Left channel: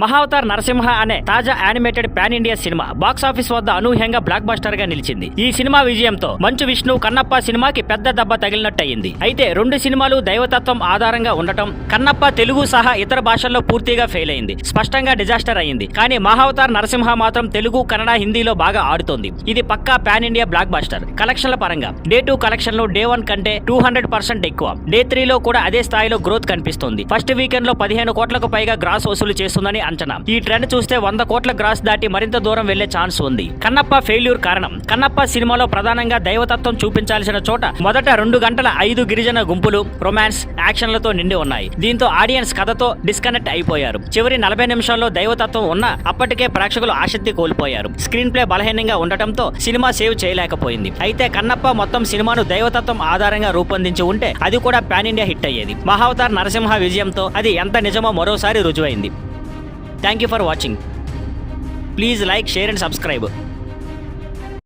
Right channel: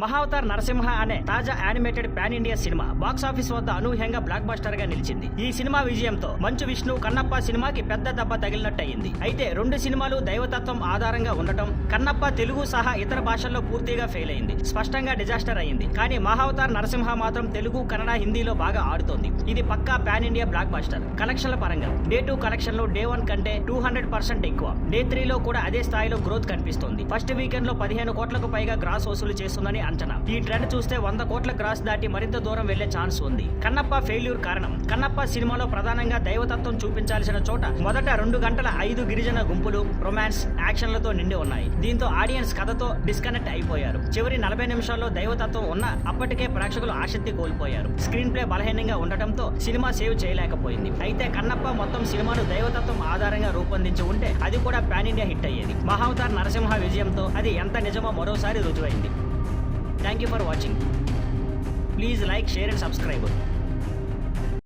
మహావతార్ నరసింహ అనే తాజా animated pan India cinema box office వద్ద అనూహ్యంగా బ్లాక్ బస్టర్ గా నిలిచింది. ఈ సినిమా విజయంతో మంచు విష్ణు కన్నప్ప సినిమాకి పెద్ద దెబ్బ తగిలినట్టయింది. అయితే రెండు సినిమాలు దైవతత్వం ఆధారంగా ఉండటం కన్నప్ప తెలుగు సహా ఇతర భాషల్లో పూర్తిగా ఫెయిల్ అయింది. స్పష్టంగా డిజాస్టర్ అయింది. కానీ మహావతార్ నరసింహ మాత్రం తెలుగు, కన్నడ, హిందీలో బాగా ఆడుతోంది. ఇది పక్కా పాన్ ఇండియా బ్లాక్ బస్టర్. కలెక్షన్ల పరంగా డే 2 కలెక్షన్లు డే 1 కంటే 200% ఎక్కువ. డే 3 లో కూడా అదే స్థాయిలో గ్రోత్ కనిపిస్తోంది. ఫస్ట్ వీకెండ్ లో 15 కోట్లకు పైగా గ్రాస్ వసూలు చేస్తుందని అంచనా. ఈ ట్రెండ్ చూస్తే 100 కోట్ల గ్రాస్ దాటి మరింత దూరం వెళ్లే ఛాన్స్ ఉంది. కన్నప్ప ఫెయిల్యూర్ కారణం కన్నప్ప సినిమాలో ప్రధానంగా దైవతత్వం చూపించాల్సిన చోట మొదట 2 గంటల 5 గిరిజన గుంపులు రొమాన్స్ యాక్షన్లతో నిండి ఉన్నాయి. దీంతో ఆడియన్స్ కథతో డిస్కనెక్ట్ అయిపోయారు. చివరి 40 నిమిషాల్లో దైవతత్వం ఉన్నా అప్పటికే ప్రేక్షకులు ఆసక్తి కోల్పోయారు. స్క్రీన్ ప్లే బలహీనంగా ఉండటంతో సినిమా సేవ్ చేయలేకపోయింది. అయితే కన్నప్ప మొత్తం సినిమాను దైవతత్వం ఆధారంగా రూపొందించి ఉంటే అది కూడా పాన్ ఇండియా హిట్ అయ్యేది. మహావతార్ నరసింహ విజయంతో అది ఎంత నిజమో మరోసారి రుజువైంది. Thank you for watching. Please like, share and subscribe.